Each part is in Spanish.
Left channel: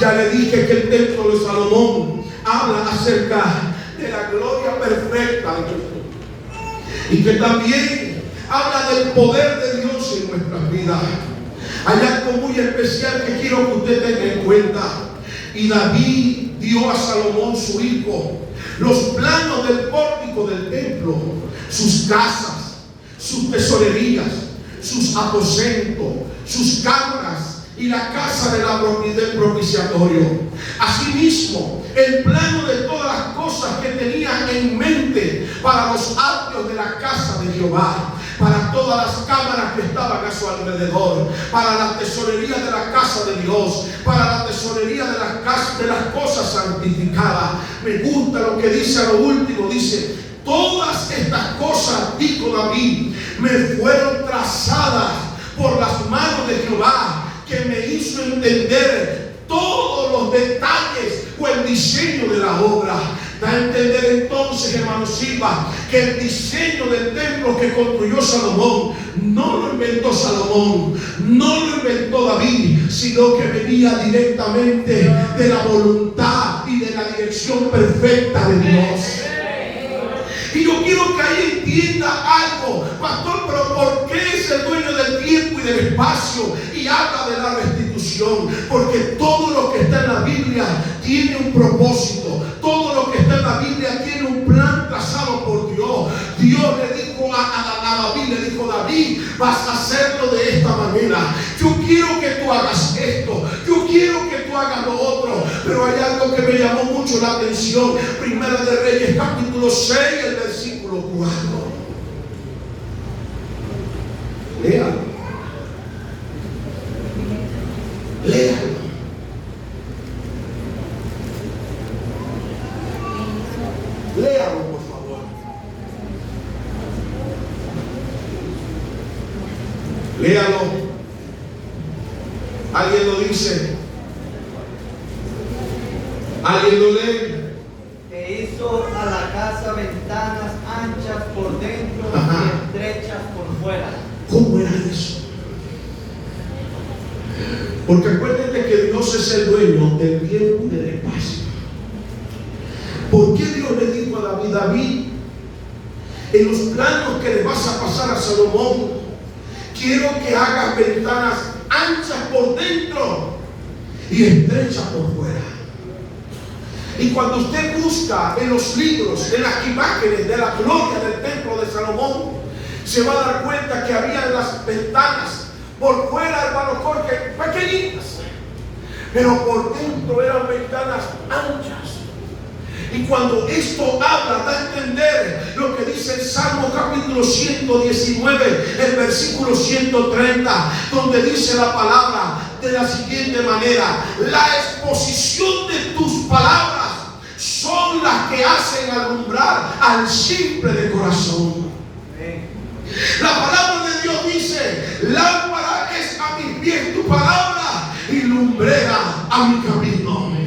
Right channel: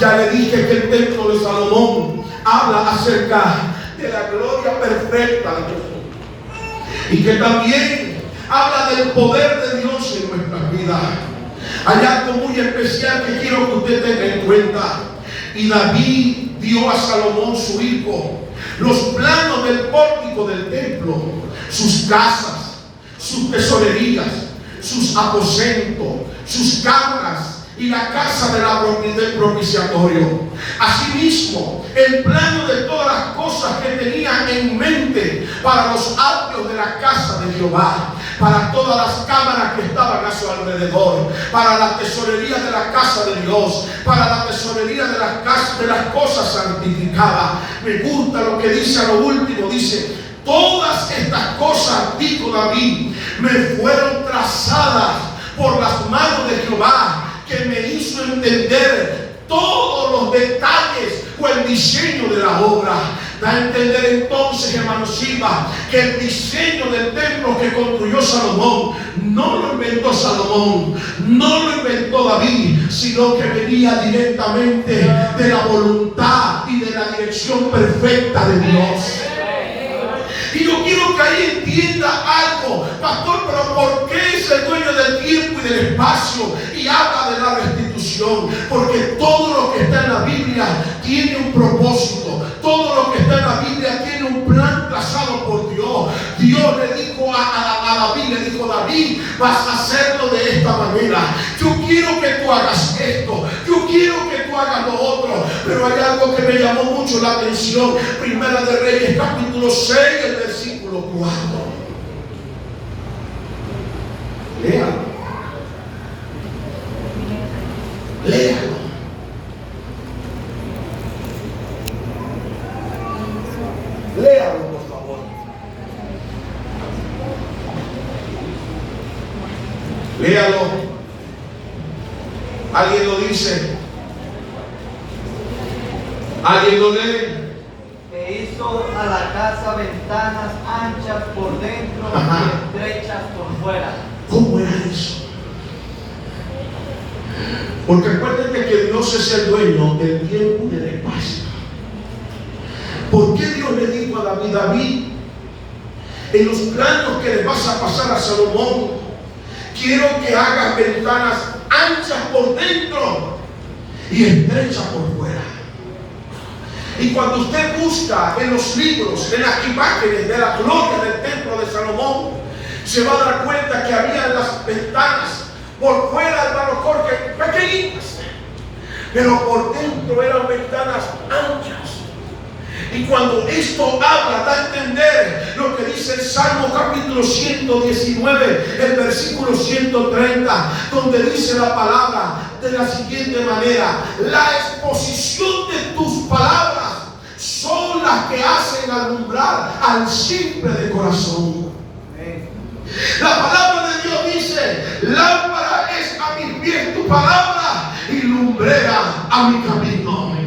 Ya le dije que el templo de Salomón habla acerca de la gloria perfecta de Dios. Y que también habla del poder de Dios en nuestras vidas. Hay algo muy especial que quiero que usted tenga en cuenta. Y David dio a Salomón su hijo los planos del pórtico del templo, sus casas, sus tesorerías, sus aposentos, sus cámaras y la casa del propiciatorio. Asimismo, el plano de todas las cosas que tenía en mente para los atrios de la casa de Jehová, para todas las cámaras que estaban a su alrededor, para la tesorería de la casa de Dios, para la tesorería de las cosas santificadas. Me gusta lo que dice a lo último, dice: todas estas cosas, dijo David, me fueron trazadas por las manos de Jehová, que me hizo entender todos los detalles o el diseño de la obra. Da a entender entonces, hermano Silva, que el diseño del templo que construyó Salomón no lo inventó Salomón, no lo inventó David, sino que venía directamente de la voluntad y de la dirección perfecta de Dios. Y yo quiero que ahí entienda algo, pastor, pero ¿por qué es el dueño del tiempo y del espacio y habla de la restitución? Porque todo lo que está en la Biblia tiene un propósito. Todo lo que está en la Biblia tiene un plan trazado por Dios. Dios le dijo a David, le dijo: David, vas a hacerlo de esta manera. Yo quiero que tú hagas esto, yo quiero que tú hagas lo otro. Pero hay algo que me llamó mucho la atención. Primera de Reyes, capítulo 6, el versículo 4. Léalo. Léalo. Léalo, por favor. Léalo. ¿Alguien lo dice? ¿Alguien lo lee? Que hizo a la casa ventanas anchas por dentro y estrechas por fuera. ¿Cómo era eso? Porque acuérdense que Dios es el dueño del tiempo y del espacio. ¿Por qué Dios le dijo a David: David, en los planos que le vas a pasar a Salomón, quiero que hagas ventanas anchas por dentro y estrechas por fuera? Y cuando usted busca en los libros, en las imágenes de la gloria del templo de Salomón, se va a dar cuenta que había las ventanas por fuera, hermano Jorge, pequeñitas, pero por dentro eran ventanas anchas. Y cuando esto habla, da a entender lo que dice el Salmo capítulo 119, el versículo 130, donde dice la palabra de la siguiente manera: la exposición de tus palabras son las que hacen alumbrar al simple de corazón. La palabra de Dios dice: lámpara es a mis pies tu palabra y lumbrera a mi camino.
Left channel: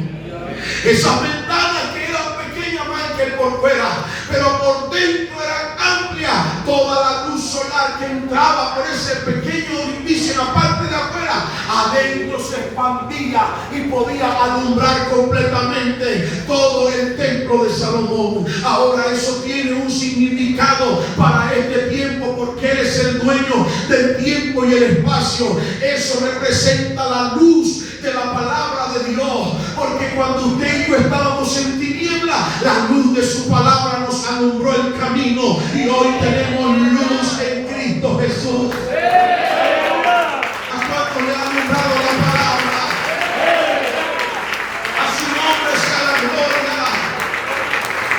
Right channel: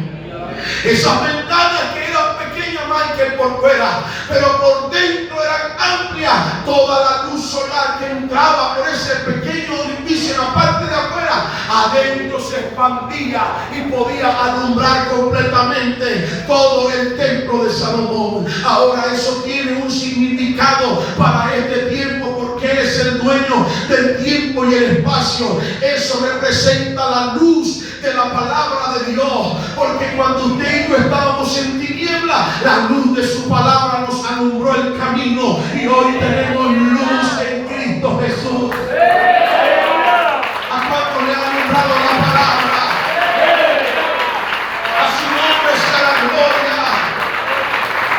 Esas ventanas que eran pequeñas más que por fuera, pero por dentro eran amplias. Toda la luz solar que entraba por ese pequeño orificio en la parte de afuera, adentro se expandía y podía alumbrar completamente todo el templo de Salomón. Ahora eso tiene un significado para este tiempo, porque Él es el dueño del tiempo y el espacio. Eso representa la luz de la palabra de Dios, porque cuando usted y yo estábamos en tiniebla, la luz de su palabra nos alumbró el camino, y hoy tenemos luz en Cristo Jesús. ¿A cuánto le ha alumbrado la palabra? A su nombre sea la gloria.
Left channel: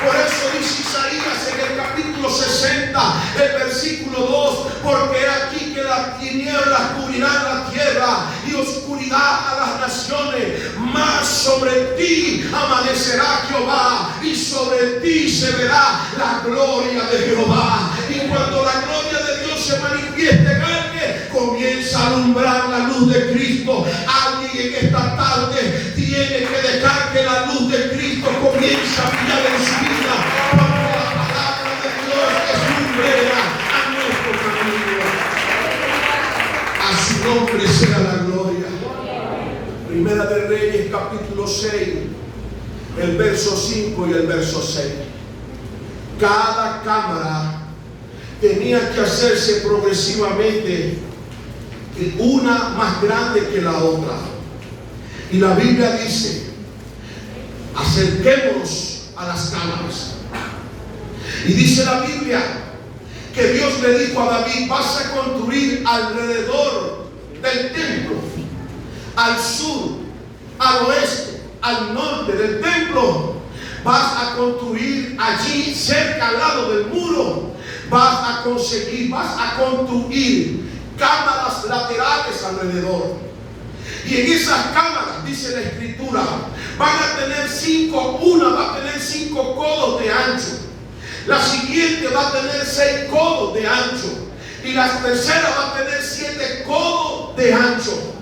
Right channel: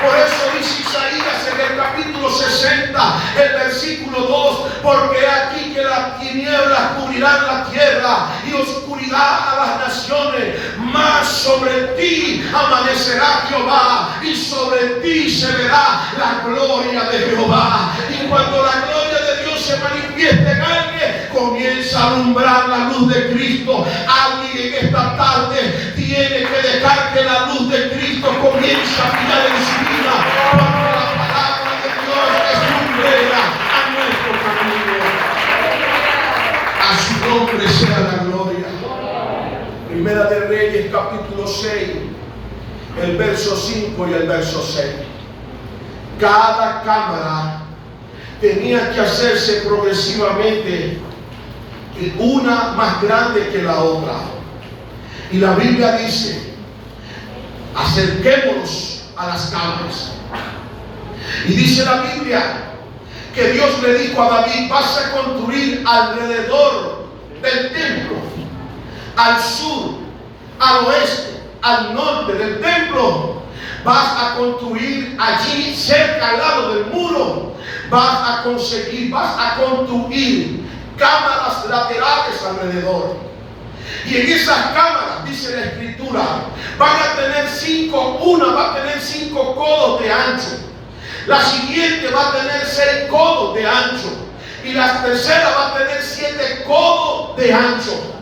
Por eso dice Isaías en el capítulo 60, el versículo 2: porque aquí que las tinieblas cubrirán la tierra y oscuridad a las naciones, mas sobre ti amanecerá Jehová y sobre ti se verá la gloria de Jehová. Y cuando la gloria de Dios se manifieste en alguien, comienza a alumbrar la luz de Cristo. Alguien en esta tarde tiene que dejar que la luz de Cristo comience a brillar en su vida, porque la palabra de Dios es lumbrera a nuestro camino. A su nombre sea la gloria. Primera de Reyes, capítulo 6, el verso 5 y el verso 6. Cada cámara tenía que hacerse progresivamente, una más grande que la otra. Y la Biblia dice: acerquémonos a las cámaras. Y dice la Biblia que Dios le dijo a David: vas a construir alrededor del templo, al sur, al oeste, al norte del templo. Vas a construir allí, cerca al lado del muro, vas a construir cámaras laterales alrededor. Y en esas cámaras, dice la Escritura, van a tener una va a tener 5 codos de ancho, la siguiente va a tener 6 codos de ancho, y la tercera va a tener 7 codos de ancho.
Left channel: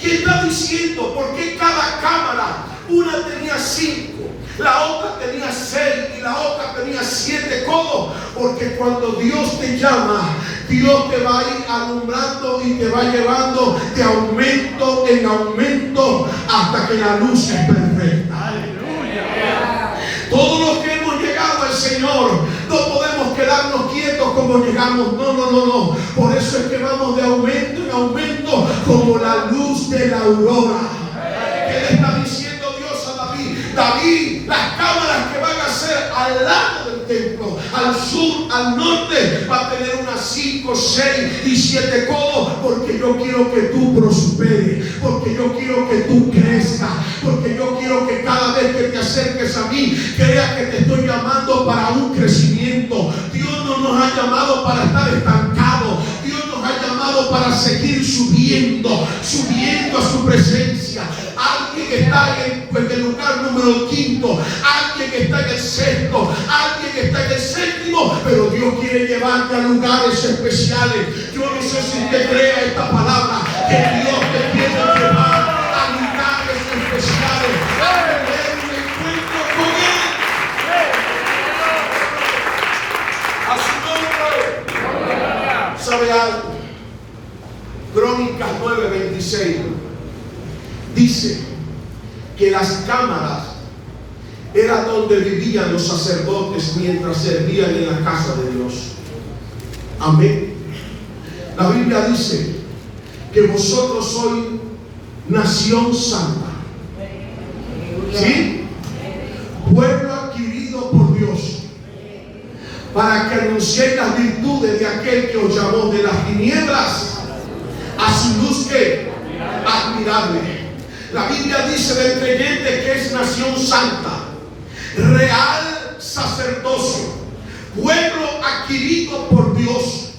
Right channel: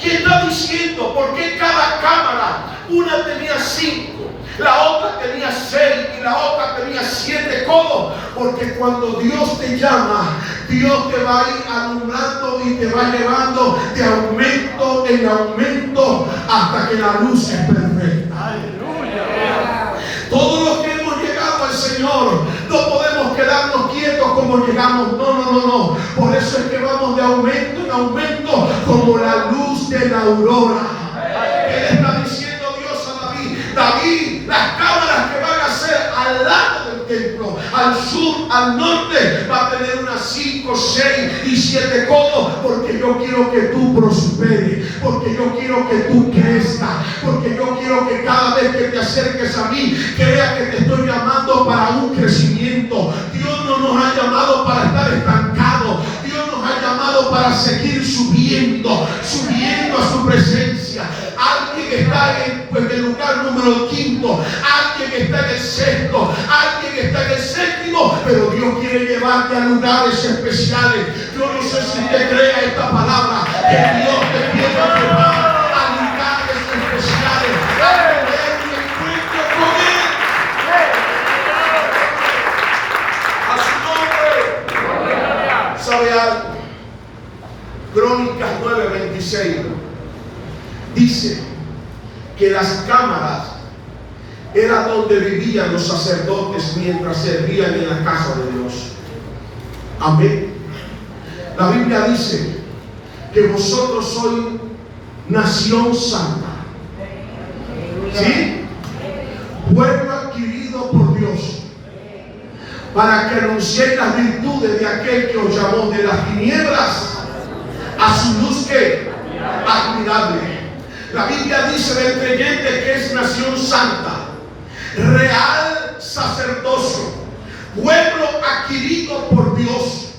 ¿Quién está diciendo por qué cada cámara, una tenía 5, la otra tenía 6 y la otra tenía 7 codos? Porque cuando Dios te llama, Dios te va a ir alumbrando y te va llevando de aumento en aumento hasta que la luz es perfecta. Todos los que hemos llegado al Señor no podemos quedarnos quietos como llegamos. No. Por eso es que vamos de aumento en aumento como la luz de la aurora. ¿Qué le está diciendo Dios a David? David, las cámaras que van a ser al lado del templo, al sur, al norte, va a tener unas 5, 6 y 7 codos, porque yo quiero que tú prosperes, porque yo quiero que tú crezcas, porque yo quiero que cada vez que te acerques a mí, creas que te estoy llamando para un crecimiento. Dios no nos ha llamado para estar estancados. Dios nos ha llamado para seguir subiendo a su presencia. Alguien está en el lugar número 5, alguien está en el 6, alguien está en el 7, pero Dios quiere llevarte a lugares especiales. Yo no sé si usted cree esta palabra, que Dios te quiere llevar a lugares especiales, a tener un encuentro con Él. A su nombre. ¿Sabe algo? Crónicas 9:26 dice que las cámaras era donde vivían los sacerdotes mientras servían en la casa de Dios. Amén. La Biblia dice que vosotros sois nación santa. ¿Sí? Pueblo adquirido por Dios, para que anunciéis las virtudes de aquel que os llamó de las tinieblas a su luz que admirable. La Biblia dice del creyente que es nación santa, real sacerdocio, pueblo adquirido por Dios.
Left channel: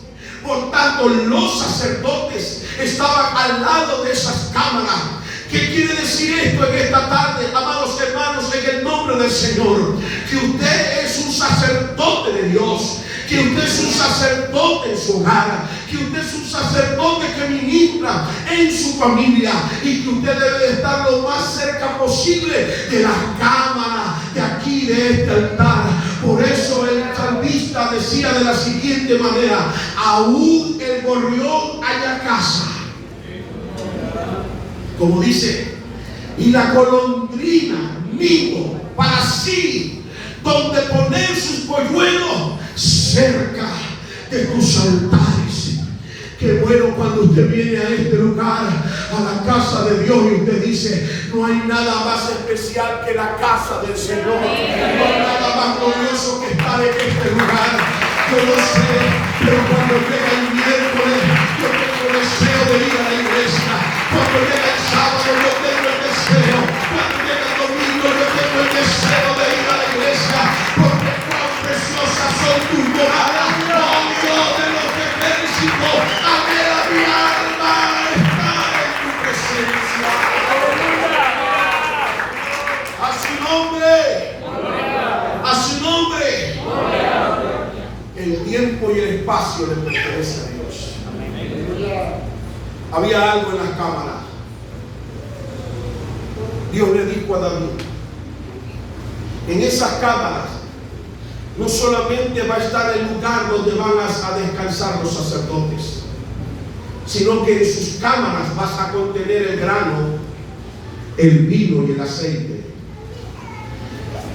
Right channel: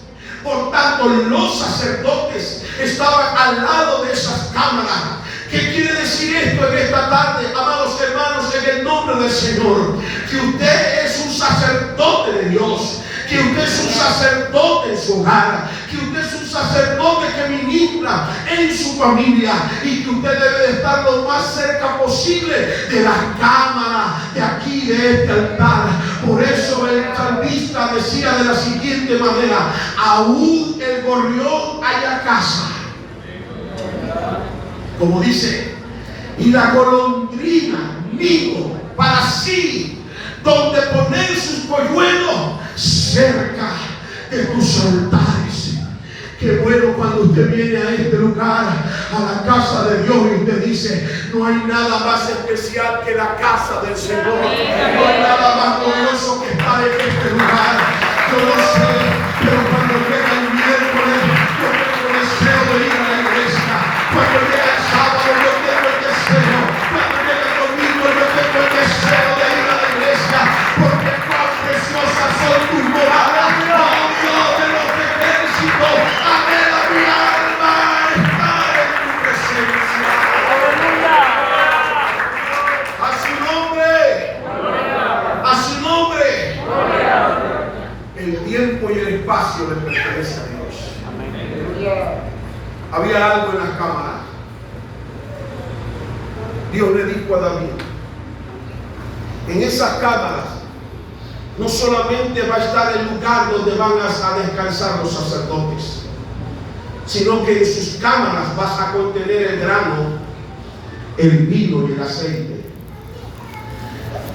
Por tanto, los sacerdotes estaban al lado de esas cámaras. ¿Qué quiere decir esto en esta tarde, amados hermanos, en el nombre del Señor? Que usted es un sacerdote de Dios, que usted es un sacerdote en su hogar, que usted es un sacerdote que ministra en su familia, y que usted debe de estar lo más cerca posible de las cámaras de aquí, de este altar. Por eso el salmista decía de la siguiente manera: aún el gorrión halla casa, como dice, y la golondrina nido para sí, donde poner sus polluelos cerca de tus altares. Qué bueno cuando usted viene a este lugar, a la casa de Dios, y usted dice: no hay nada más especial que la casa del Señor. No hay nada más glorioso que estar en este lugar. Yo no sé, pero cuando llega el miércoles, yo tengo el deseo de ir a la iglesia. Cuando llega el sábado, yo tengo el deseo. Cuando llega el domingo, yo tengo el deseo de ir a la iglesia, porque cuán preciosas son tus moradas, oh Dios de los ejércitos. Anhela mi alma estar en tu presencia. A su nombre, a su nombre. El tiempo y el espacio le pertenece a Dios. Había algo en la cámara. Dios le dijo a David: en esas cámaras no solamente va a estar el lugar donde van a descansar los sacerdotes, sino que en sus cámaras vas a contener el grano el vino y el aceite.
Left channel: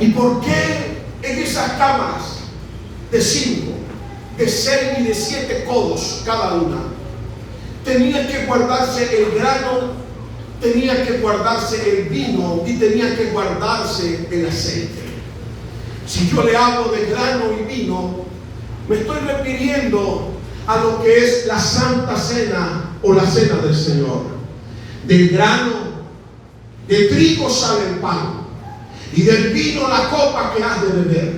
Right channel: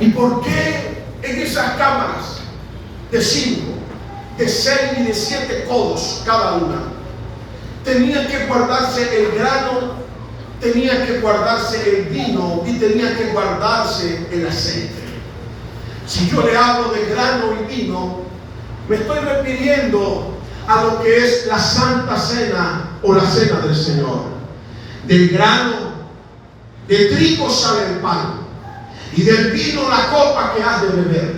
¿Y por qué en esas cámaras de 5, de 6 y de 7 codos cada una tenía que guardarse el grano, tenía que guardarse el vino y tenía que guardarse el aceite? Si yo le hablo de grano y vino, me estoy refiriendo a lo que es la Santa Cena o la Cena del Señor. Del grano, de trigo sale el pan, y del vino la copa que has de beber.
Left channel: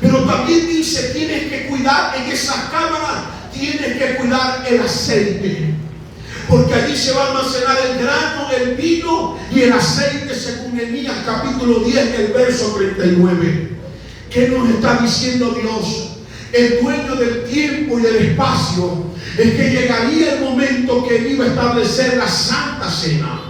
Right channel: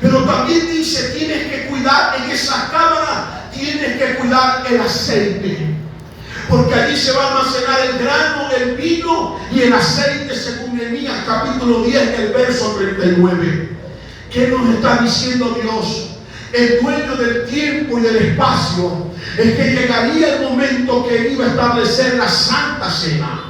Pero también dice, tienes que cuidar en esas cámaras, tienes que cuidar el aceite, porque allí se va a almacenar el grano, el vino y el aceite, según Nehemías capítulo 10, el verso 39. ¿Qué nos está diciendo Dios? El dueño del tiempo y del espacio, es que llegaría el momento que Él iba a establecer la Santa Cena.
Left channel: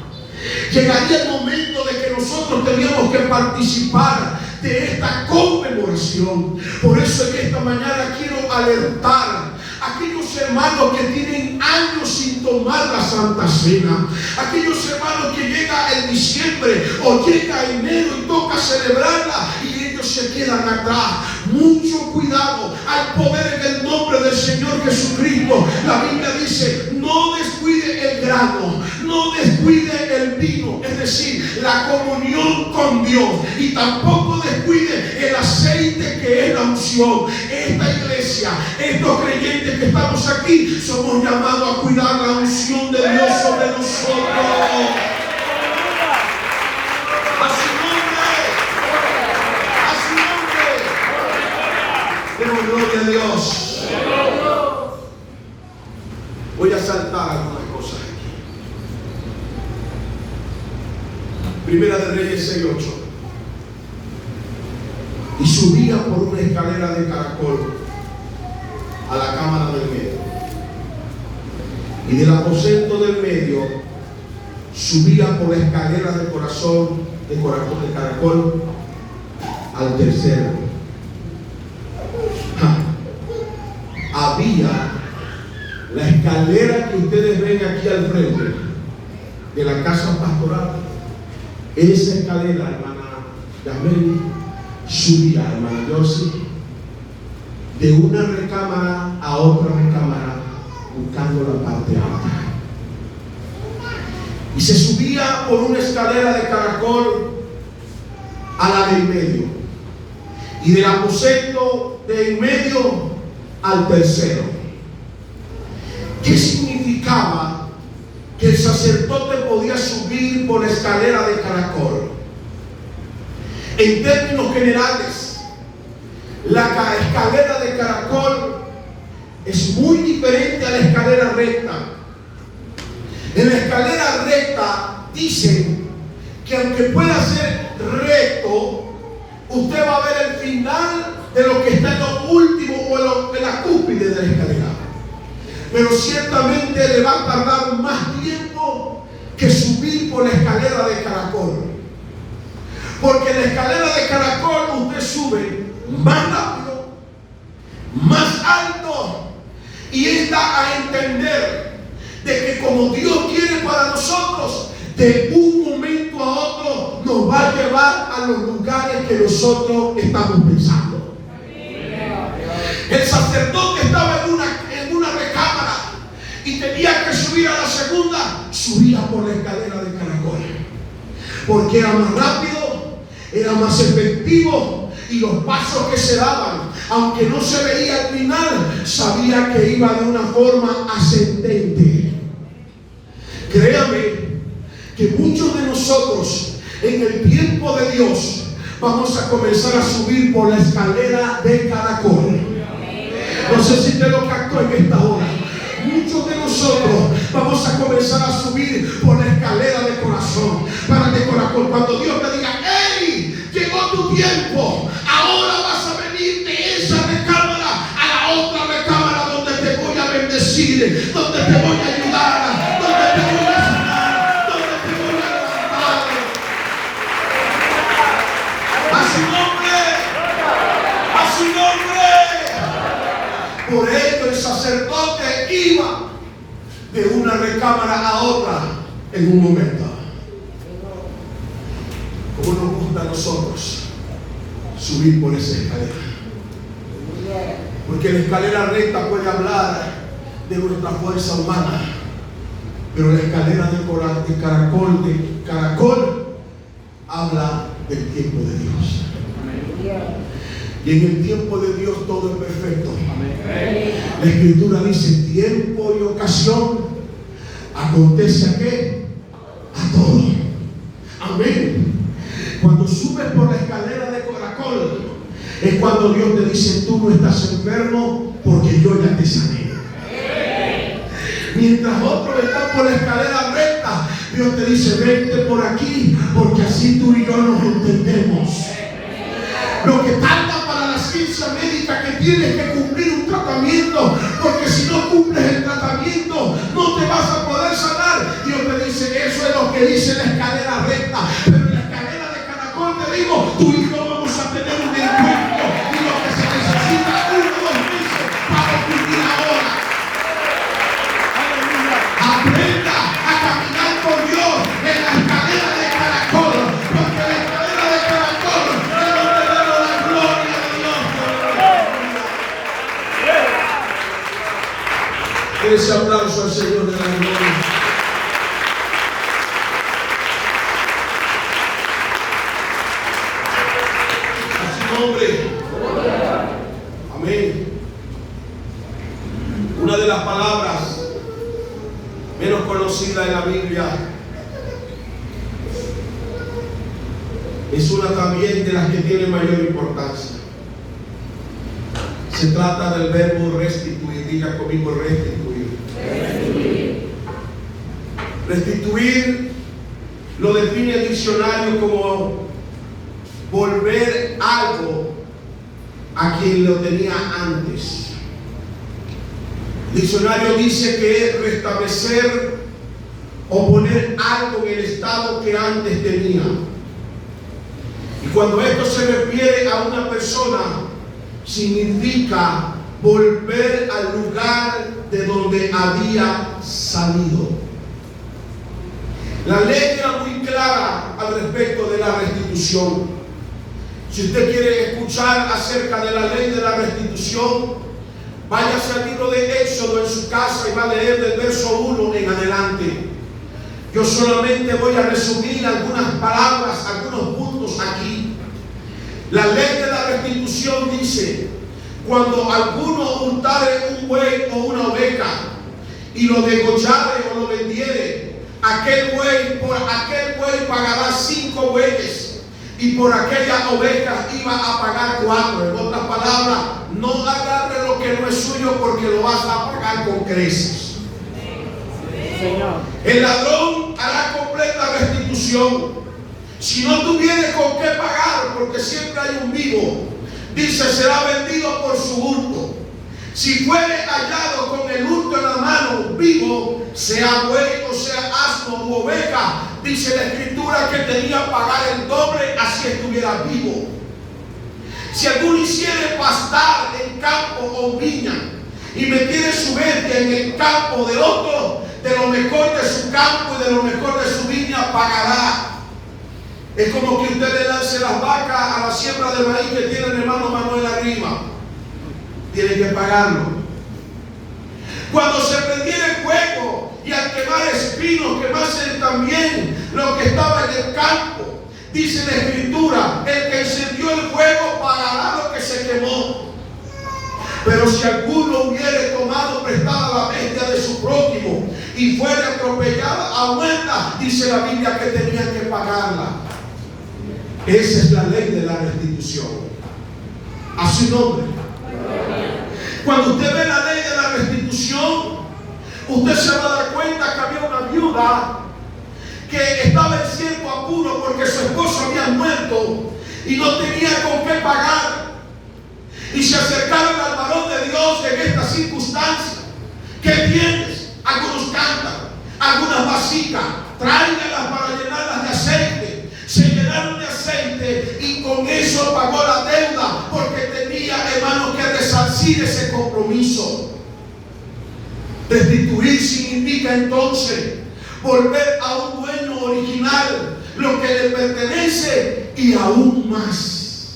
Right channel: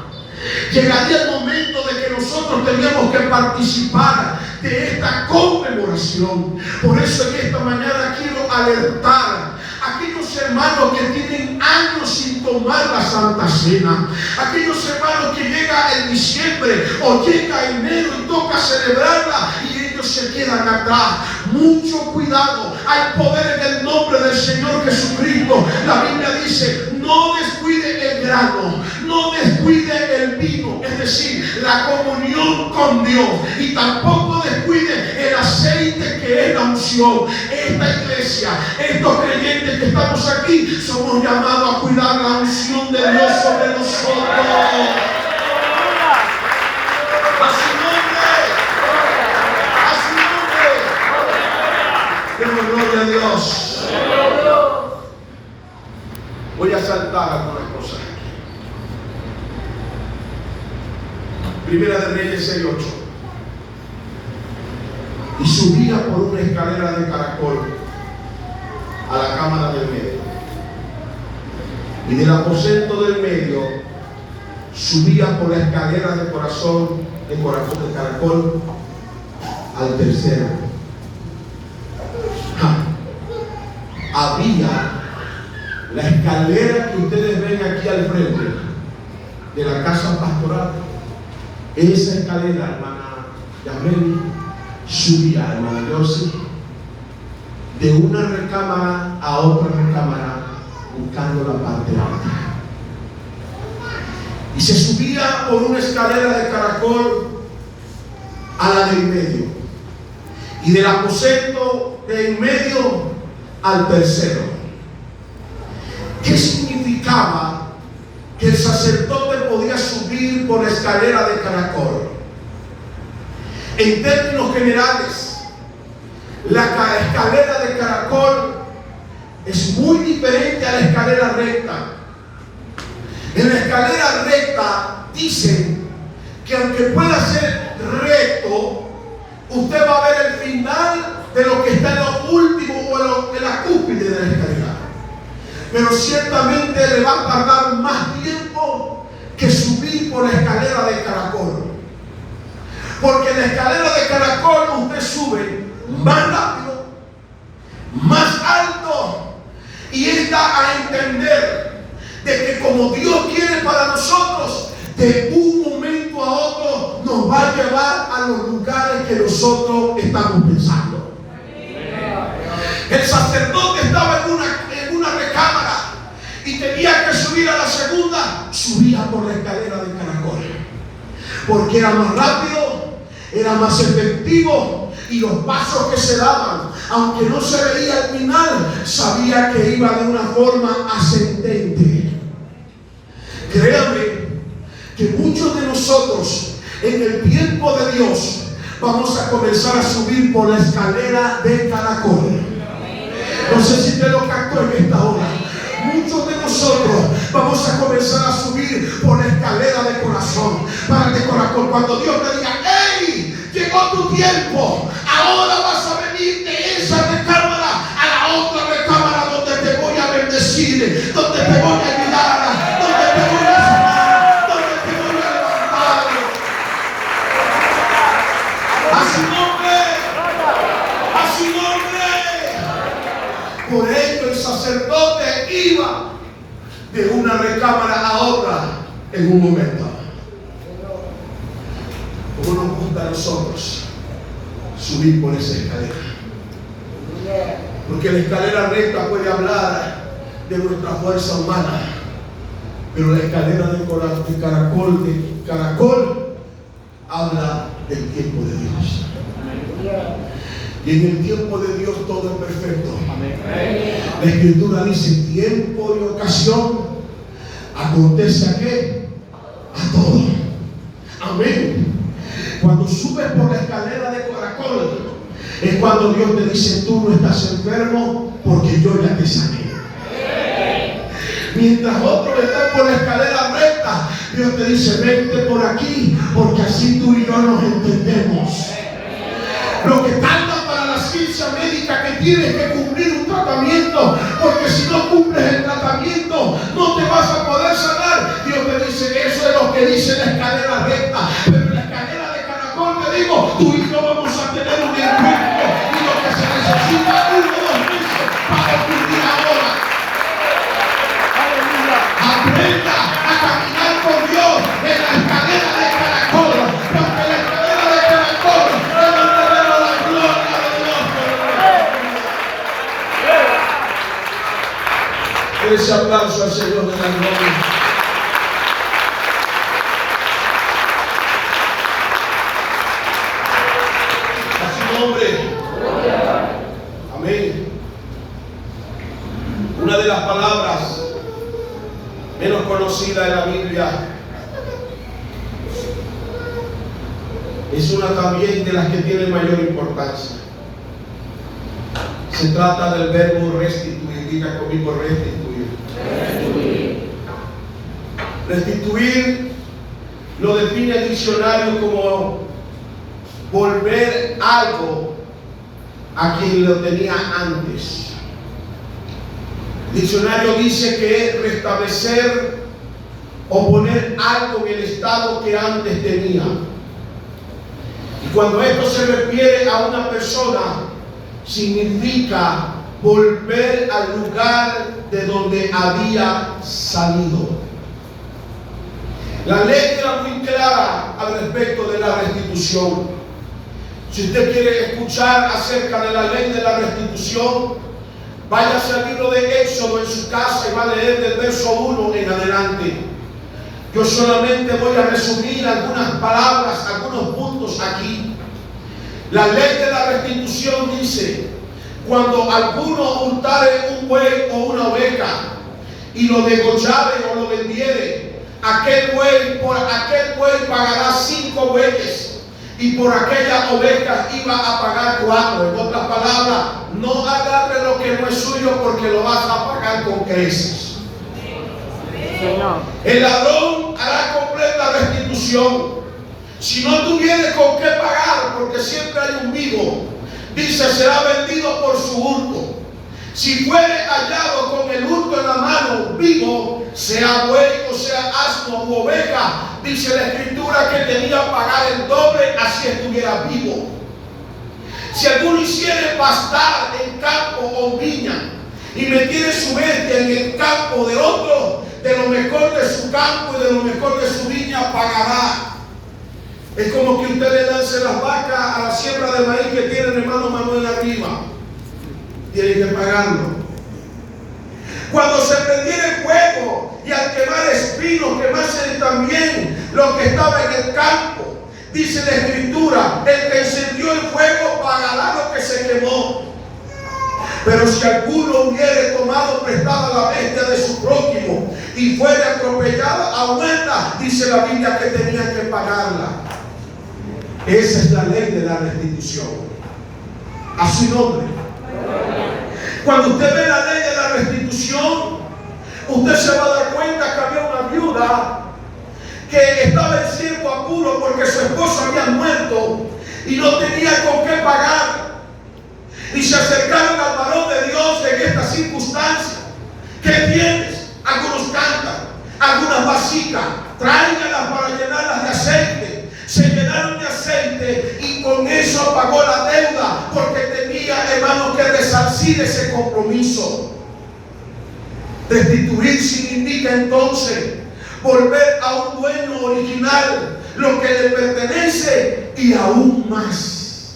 Llegaría el momento de que nosotros teníamos que participar de esta conmemoración. Por eso en esta mañana quiero alertar a aquellos hermanos que tienen años sin tomar la Santa Cena, aquellos hermanos que llega el diciembre o llega enero y toca celebrarla y ellos se quedan atrás. Mucho cuidado, hay poder en el nombre del Señor Jesucristo. La Biblia dice, no descuide el grano, no descuide el vino, es decir, la comunión con Dios, y tampoco descuide el aceite que es la unción. Esta iglesia, estos creyentes que estamos aquí, somos llamados a cuidar la unción de Dios sobre nosotros. A su nombre, a su nombre. Demos gloria a Dios. Voy a saltar algunas cosas. Primera de Reyes 6:8. Y subía por una escalera de caracol a la cámara del medio, y del aposento del medio subía por la escalera de caracol al tercero. Había la escalera que ustedes ven aquí al frente de la casa pastoral. Esa escalera, hermana Yameli, subía, hermana Yossi, de una recámara a otra recámara, buscando la parte alta. Y se subía por una escalera de caracol a la del medio, y del aposento de en medio al tercero. ¿Qué significaba que el sacerdote podía subir por la escalera de caracol? En términos generales, la escalera de caracol es muy diferente a la escalera recta. En la escalera recta dicen que aunque pueda ser recto, usted va a ver el final de lo que está en lo último o en la cúspide de la escalera. Pero ciertamente le va a tardar más tiempo que subir por la escalera de caracol. Porque en la escalera de caracol usted sube más rápido, más alto, y está a entender de que como Dios quiere para nosotros, de un momento a otro nos va a llevar a los lugares que nosotros estamos pensando. El sacerdote estaba en una recámara y tenía que subir a la segunda, subía por la escalera de caracol, porque era más rápido, era más efectivo, y los pasos que se daban, aunque no se veía al final, sabía que iba de una forma ascendente. Créame que muchos de nosotros en el tiempo de Dios vamos a comenzar a subir por la escalera de caracol. No sé si te lo captó en esta hora. Muchos de nosotros vamos a comenzar a subir por la escalera de corazón, para de caracol. Cuando Dios me diga, ¡hey! Llegó tu tiempo. Ahora vas a venir de esa recámara a la otra recámara donde te voy a bendecir, donde te voy a ayudar, donde te voy a sanar, donde te voy a levantar. A su nombre, a su nombre. Por ello el sacerdote iba de una recámara a otra en un momento. como nos gusta a nosotros subir por esa escalera. Porque la escalera recta puede hablar de nuestra fuerza humana, pero la escalera de caracol habla del tiempo de Dios. Y en el tiempo de Dios todo es perfecto. La Escritura dice: tiempo y ocasión acontece ¿a qué? A todo. Amén. Cuando subes por la escalera de caracol, es cuando Dios te dice: tú no estás enfermo porque yo ya te sané. Mientras otros están por la escalera recta, Dios te dice: vente por aquí, porque así tú y yo nos entendemos. Lo que tarda para la ciencia médica que tienes que cumplir un tratamiento, porque si no cumples el tratamiento no te vas a poder sanar. Dios te dice: eso es lo que dice la escalera recta, pero en la escalera de caracol te digo, tú y yo vamos a tener un encuentro, y lo que se necesita 1 o 2 meses para ocurrir ahora. Aprenda a caminar con Dios en la escalera de caracol, porque la escalera de caracol es donde vemos la gloria de Dios. Ese aplauso al Señor de la gloria. A su nombre. Amén. Una de las palabras menos conocida en la Biblia es una también de las que tiene mayor importancia. Se trata del verbo restituir. Diga conmigo: restituir. Restituir lo define el diccionario como volver algo a quien lo tenía antes. El diccionario dice que es restablecer o poner algo en el estado que antes tenía. Y cuando esto se refiere a una persona, significa volver al lugar de donde había salido. La ley era muy clara al respecto de la restitución. Si usted quiere escuchar acerca de la ley de la restitución, váyase al libro de Éxodo en su casa y va a leer del verso 1 en adelante. Yo solamente voy a resumir algunas palabras, algunos puntos aquí. La ley de la restitución dice: cuando alguno hurtare un buey o una oveja y lo degollare o lo vendiere, por aquel buey pagará 5 bueyes. Y por aquella oveja iba a pagar 4. En otras palabras, no agarre lo que no es suyo, porque lo vas a pagar con creces. El ladrón hará completa restitución. Si no tuviere con qué pagar, porque siempre hay un vivo, dice: será vendido por su hurto. Si fuere hallado con el hurto en la mano, vivo, sea buey o sea asno u oveja, dice la Escritura que tenía que pagar el doble, así estuviera vivo. Si alguno hiciere pastar en campo o viña y metiere su bestia en el campo de otro, de lo mejor de su campo y de lo mejor de su viña pagará. Es como que usted le lance las vacas a la siembra de maíz que tiene el hermano Manuel arriba. Tiene que pagarlo. Cuando se prendiera el fuego y al quemar espinos quemasen también lo que estaba en el campo, dice la Escritura: el que encendió el fuego pagará lo que se quemó. Pero si alguno hubiere tomado prestada la bestia de su prójimo y fuere atropellada a muerta, dice la Biblia que tenía que pagarla. Esa es la ley de la restitución. A su nombre. Cuando usted ve la ley de la restitución, usted se va a dar cuenta que había una viuda que estaba en cierto apuro porque su esposo había muerto y no tenía con qué pagar. Y se acercaron al varón de Dios en esta circunstancia. ¿Qué tienes? Algunos cantan, algunas vasijas, tráiganlas para llenarlas de aceite. Se llenaron de aceite y con eso pagó la deuda, porque tenía, hermanos, que resarcir ese compromiso. Restituir significa entonces volver a un dueño original lo que le pertenece y aún más.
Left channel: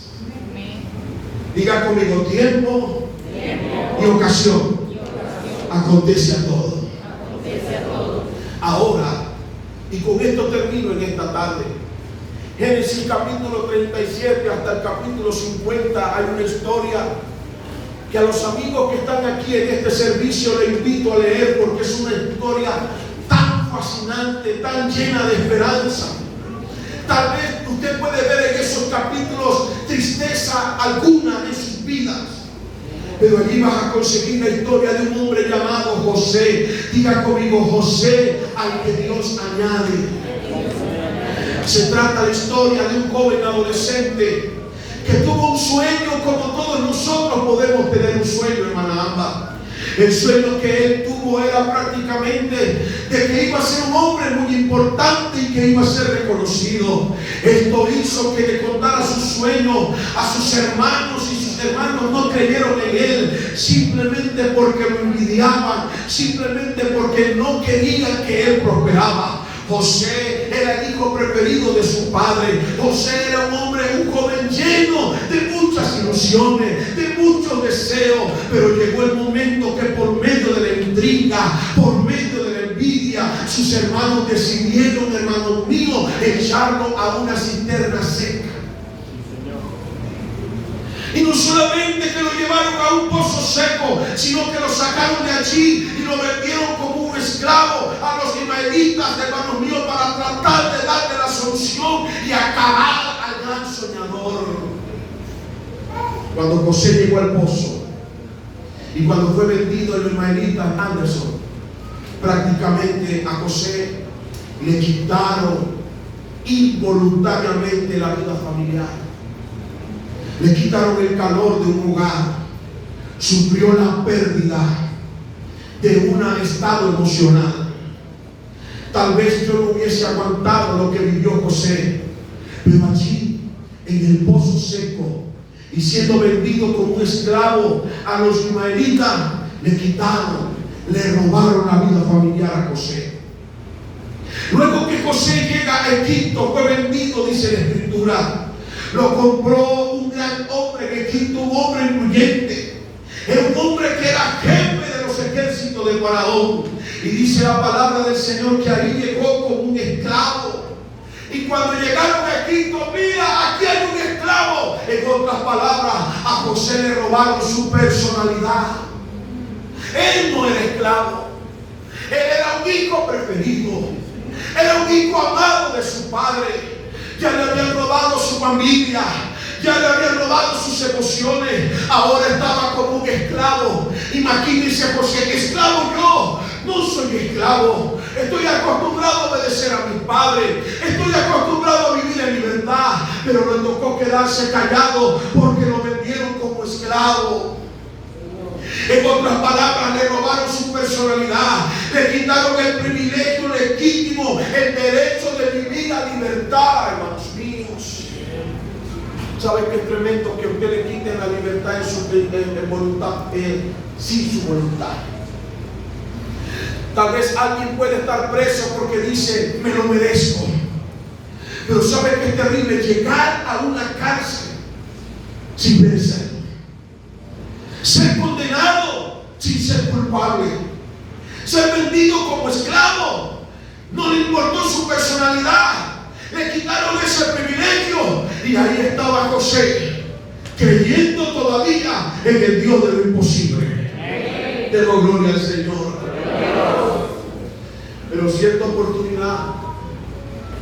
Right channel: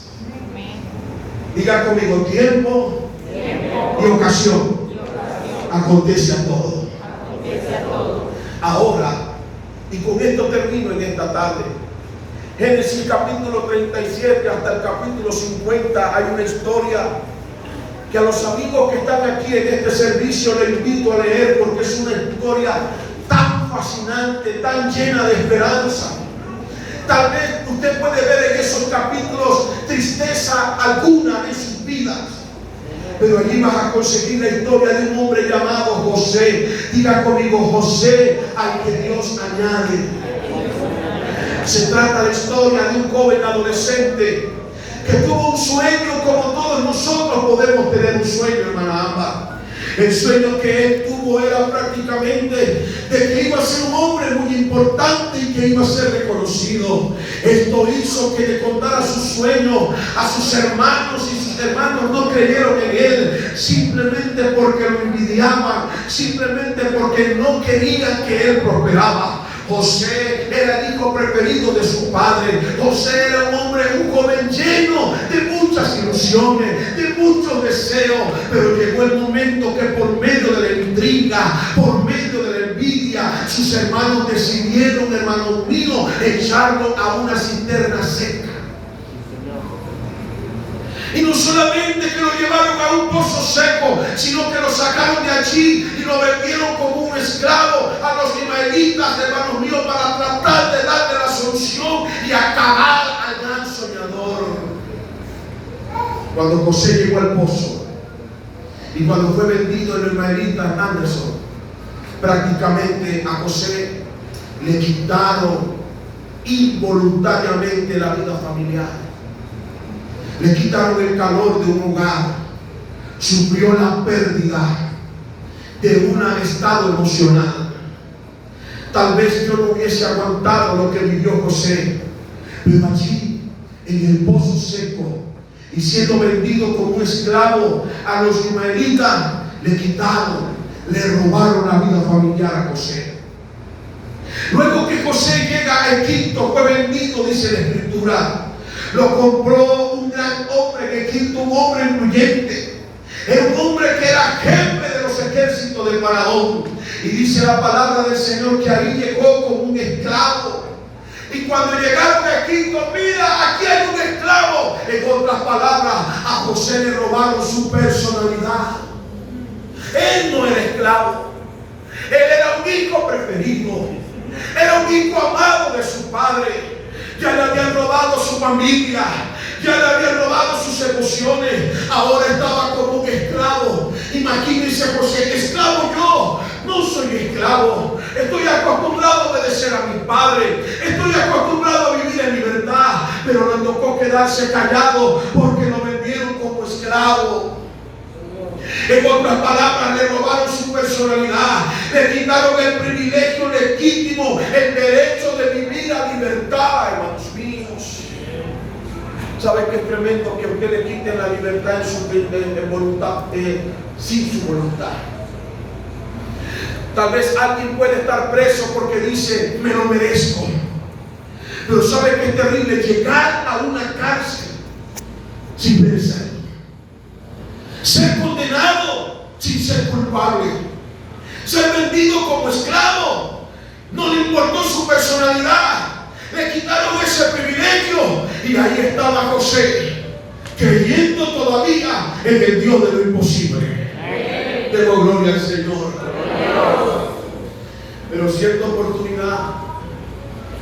Diga conmigo, tiempo y ocasión. Acontece a todo. Ahora, y con esto termino en esta tarde. Génesis capítulo 37 hasta el capítulo 50 hay una historia que a los amigos que están aquí en este servicio les invito a leer, porque es una historia tan fascinante, tan llena de esperanza. Tal vez usted puede ver en esos capítulos tristeza alguna en sus vidas, pero allí vas a conseguir la historia de un hombre llamado José. Diga conmigo, José al que Dios añade. Se trata de la historia de un joven adolescente que tuvo un sueño, como todos nosotros podemos tener un sueño, hermana Amba. El sueño que él tuvo era prácticamente de que iba a ser un hombre muy importante y que iba a ser reconocido. Esto hizo que le contara su sueño a sus hermanos, y sus hermanos no creyeron en él, simplemente porque lo envidiaban, simplemente porque no querían que él prosperaba. José era el hijo preferido de su padre. José era un hombre, un joven lleno de muchas ilusiones, de muchos deseos, pero llegó el momento que por medio de la intriga, por medio de la envidia, sus hermanos decidieron, hermano mío, echarlo a una cisterna seca. Y no solamente que lo llevaron a un pozo seco, sino que lo sacaron de allí y lo vendieron como un esclavo a los ismaelitas, hermanos míos, para tratar de darle la solución y acabar al gran soñador. Cuando José llegó al pozo y cuando fue vendido el ismaelita Anderson, prácticamente a José le quitaron involuntariamente la vida familiar. Le quitaron el calor de un hogar, sufrió la pérdida de un estado emocional. Tal vez yo no hubiese aguantado lo que vivió José, pero allí, en el pozo seco, y siendo vendido como un esclavo a los ismaelitas, le quitaron, le robaron la vida familiar a José. Luego que José llega a Egipto, fue vendido, dice la Escritura. Lo compró un gran hombre en Egipto, un hombre influyente. Era un hombre que era jefe de los ejércitos del faraón. Y dice la palabra del Señor que ahí llegó como un esclavo. Y cuando llegaron a Egipto, mira, aquí hay un esclavo. En otras palabras, a José le robaron su personalidad. Él no era esclavo. Él era un hijo preferido. Era un hijo amado de su padre. Ya le habían robado su familia, ya le habían robado sus emociones. Ahora estaba como un esclavo. Imagínense José, esclavo yo. No soy esclavo. Estoy acostumbrado a obedecer a mi padre. Estoy acostumbrado a vivir en libertad. Pero le tocó quedarse callado porque lo vendieron como esclavo. En otras palabras, le robaron su personalidad, le quitaron el privilegio legítimo, el derecho de vivir a libertad, hermanos míos. ¿Saben qué es tremendo? Que a usted le quiten la libertad en voluntad, sin su voluntad. Tal vez alguien puede estar preso porque dice, me lo merezco. Pero ¿sabe qué es terrible? Llegar a una cárcel sin merecerlo. Ser condenado sin ser culpable. Ser vendido como esclavo. No le importó su personalidad. Le quitaron ese privilegio. Y ahí estaba José, creyendo todavía en el Dios de lo imposible. Demos gloria al Señor. Pero cierta oportunidad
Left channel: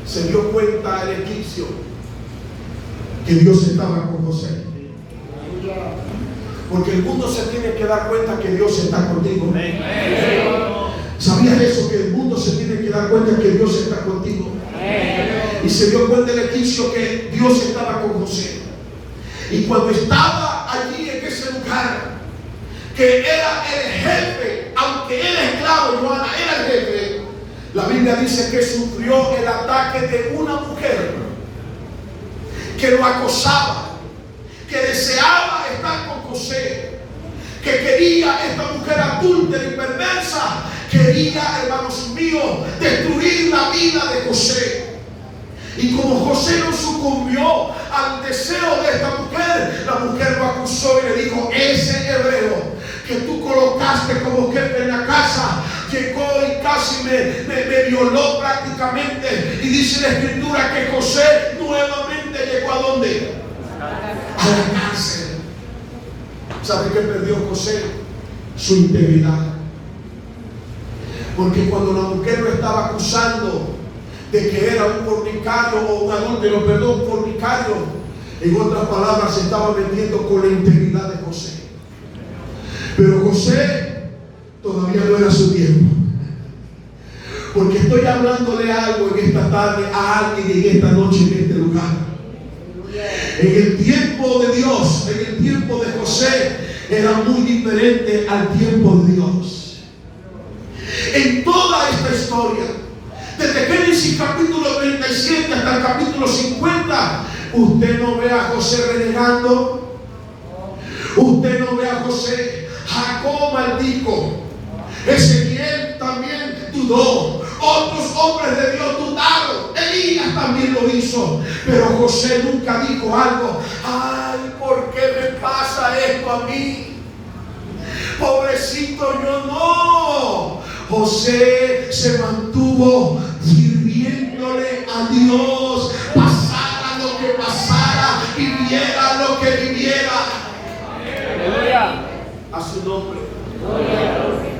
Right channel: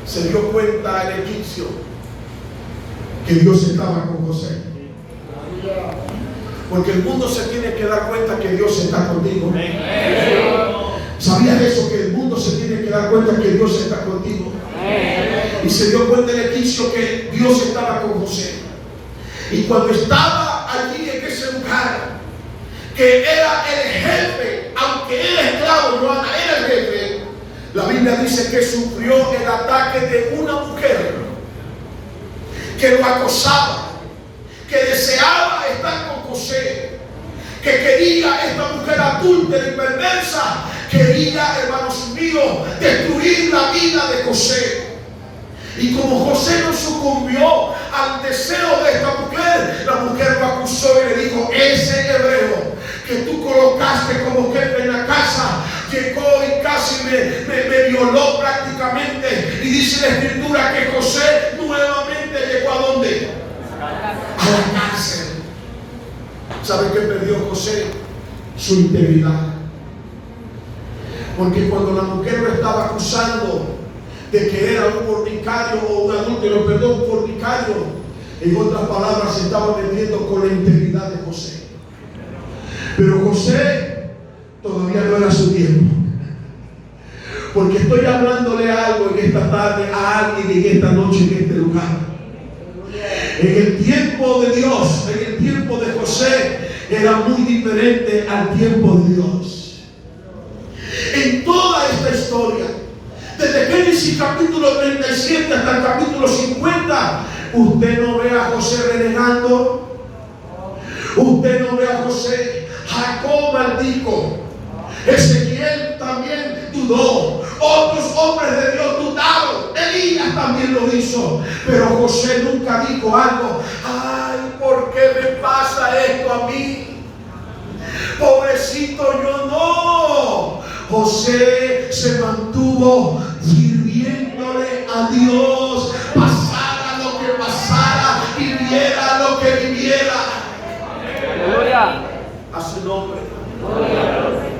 se dio cuenta el egipcio que Dios estaba con José. Porque el mundo se tiene que dar cuenta que Dios está contigo. ¿Sabías eso? Que el mundo se tiene que dar cuenta que Dios está contigo. Y se dio cuenta el egipcio que Dios estaba con José. Y cuando estaba allí en ese lugar, que era el jefe, aunque era esclavo, Joana, era el jefe, la Biblia dice que sufrió el ataque de una mujer que lo acosaba, que deseaba estar con José, que quería, esta mujer adúltera y perversa, quería, hermanos míos, destruir la vida de José. Y como José no sucumbió al deseo de esta mujer, la mujer lo acusó y le dijo: ese hebreo que tú colocaste como jefe en la casa llegó y casi me violó prácticamente. Y dice la escritura que José nuevamente llegó ¿a dónde? A la cárcel. ¿Sabe qué perdió José? Su integridad. Porque cuando la mujer lo estaba acusando de que era un fornicario o un adúltero, perdón, fornicario, en otras palabras, se estaba metiendo con la integridad de José. Pero José todavía no era su tiempo. Porque estoy hablándole algo en esta tarde a alguien en esta noche en este lugar. En el tiempo de Dios, en el tiempo de José, era muy diferente al tiempo de Dios. En toda esta historia, desde Génesis capítulo 37 hasta el capítulo 50, usted no ve a José renegando. Usted no ve a José. Jacob maldijo. Ezequiel también dudó. Otros hombres de Dios dudaron. Elías también lo hizo. Pero José nunca dijo algo: ay, ¿por qué me pasa esto a mí? Pobrecito yo. No. José se mantuvo sirviéndole a Dios, pasara lo que pasara, viviera lo que viviera. Aleluya. A su nombre.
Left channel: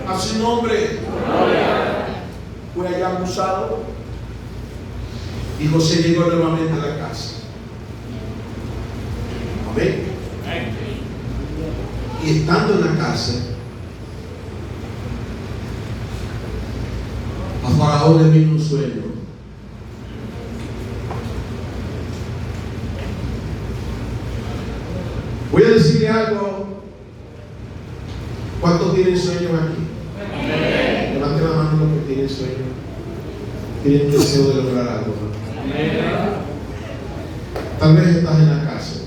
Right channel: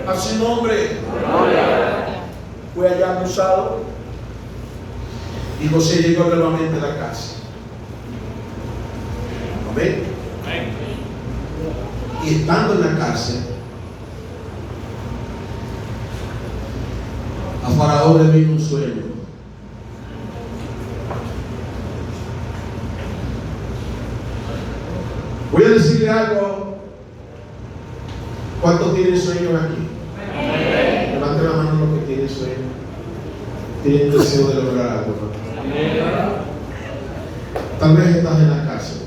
A su nombre. Fue allá acusado y José llegó nuevamente a la casa. Amén. Y estando en la cárcel, a Faraón le vino un sueño. Voy a decirle algo. ¿Cuántos tienen sueños aquí? Levante la mano los que tienen sueño. Tienen deseo de lograr algo. Tal vez estás en la cárcel.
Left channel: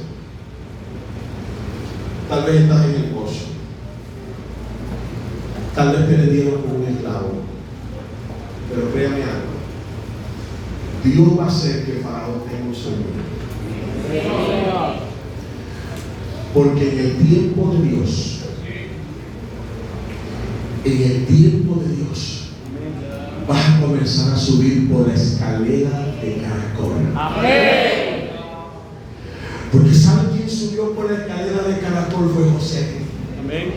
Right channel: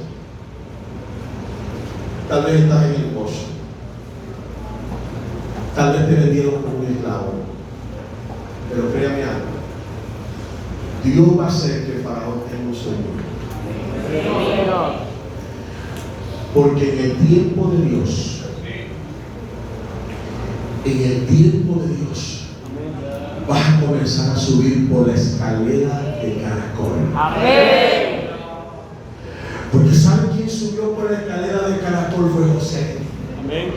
Tal vez estás en el gozo. Tal vez te vendieron como un esclavo. Pero créame algo. Dios va a hacer que Faraón tenga un sueño. Porque en el tiempo de Dios, vas a comenzar a subir por la escalera de caracol. Amén. Porque ¿saben quién subió por la escalera de caracol? Fue José. Amén.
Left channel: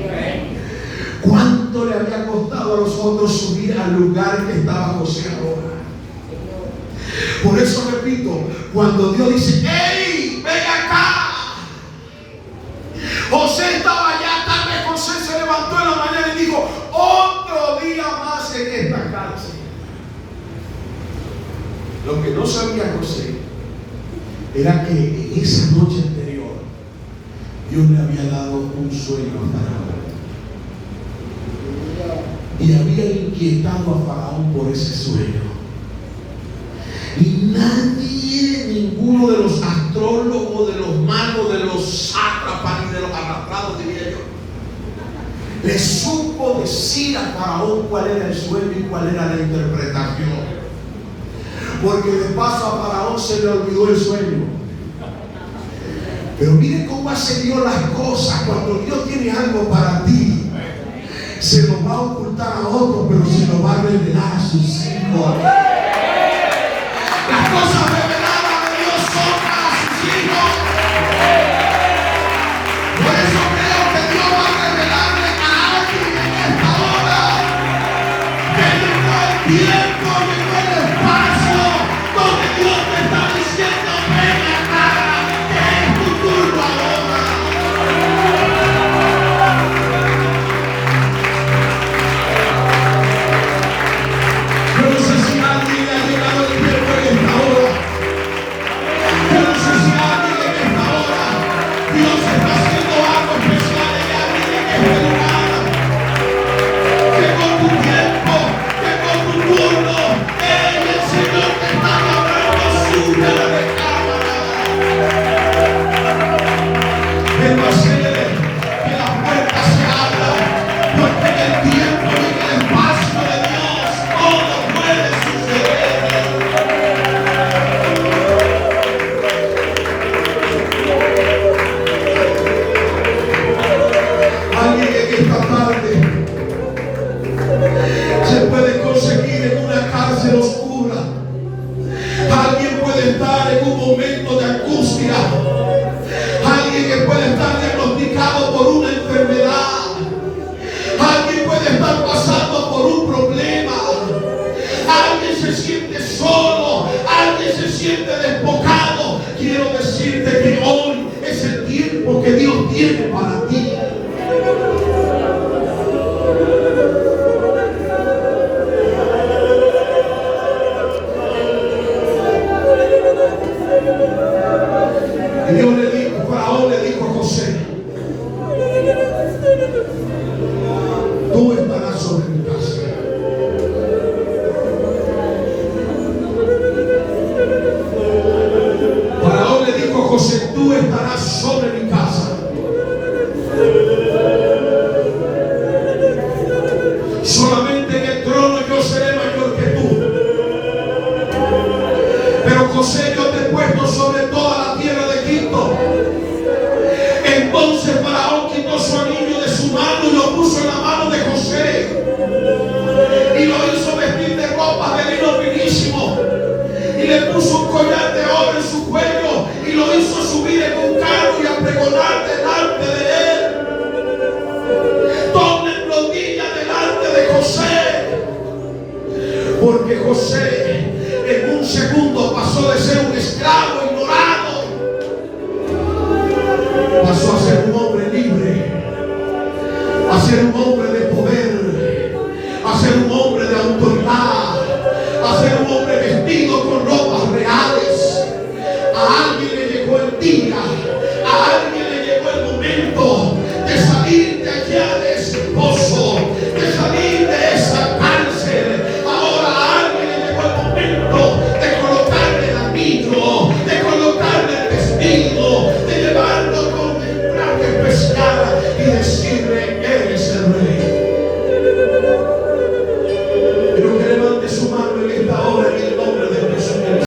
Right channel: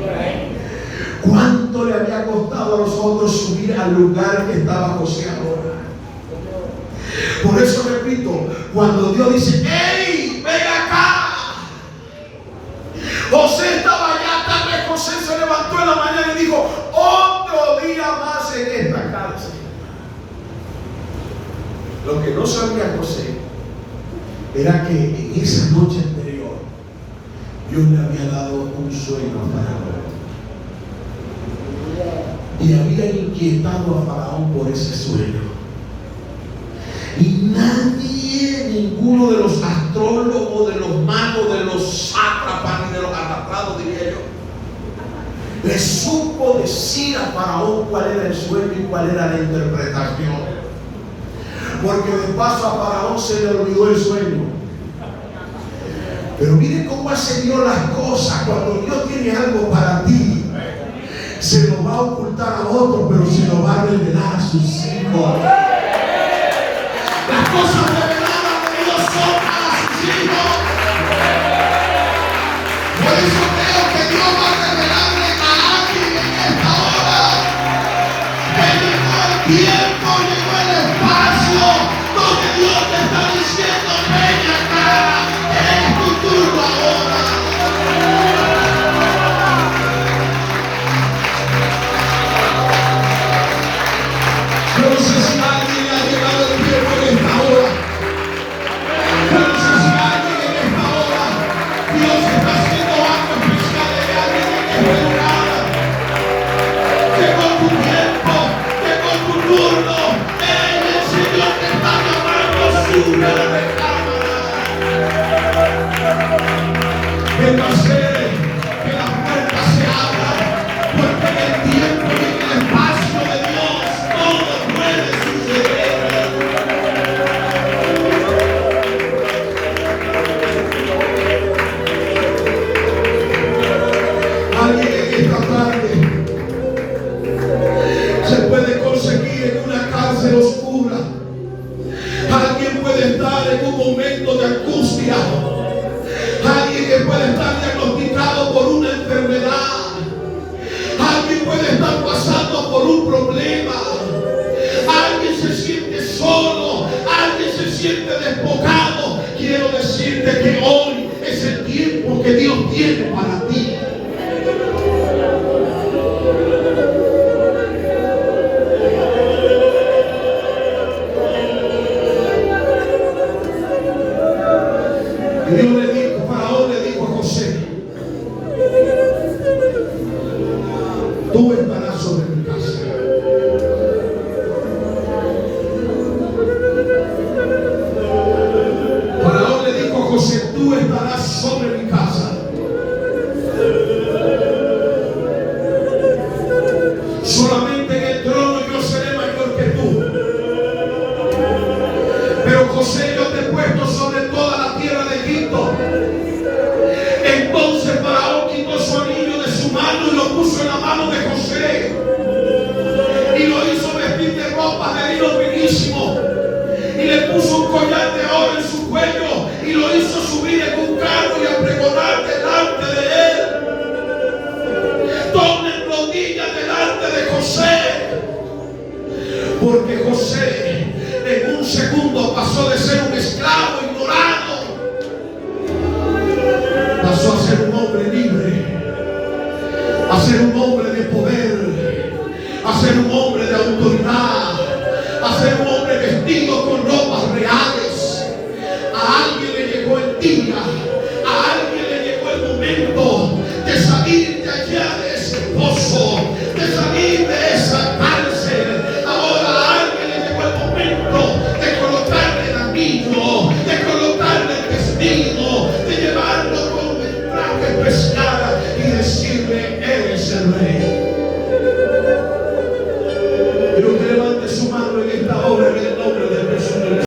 ¿Cuánto le había costado a los otros subir al lugar que estaba José ahora? Por eso repito, cuando Dios dice: ¡hey, ven acá! José estaba allá. Tal vez José se levantó en la mañana y dijo: otro día más en esta cárcel. Lo que no sabía José era que en esa noche anterior Dios le había dado un sueño a Faraón y había inquietado a Faraón por ese sueño. Y nadie, ninguno de los astrólogos, de los magos, de los sátrapas, ni de los arrastrados, diría yo, le supo decir a Faraón cuál era el sueño y cuál era la interpretación. Porque de paso a Faraón se le olvidó el sueño. Pero mire cómo hace Dios las cosas. Cuando Dios tiene algo para ti, se lo va a ocultar a otro, pero se lo va a revelar a sus hijos. Las cosas reveladas de Dios son para sus hijos. Por eso creo que Dios va a revelarle a alguien en esta hora que llegó el tiempo, llegó el espacio donde Dios te está diciendo: ven acá, es tu turno ahora. Yo no sé si alguien que Dios tiene para ti. Y Dios le dijo, Faraón le dijo a José: tú estarás sobre mi casa. Faraón le dijo a José: tú estarás sobre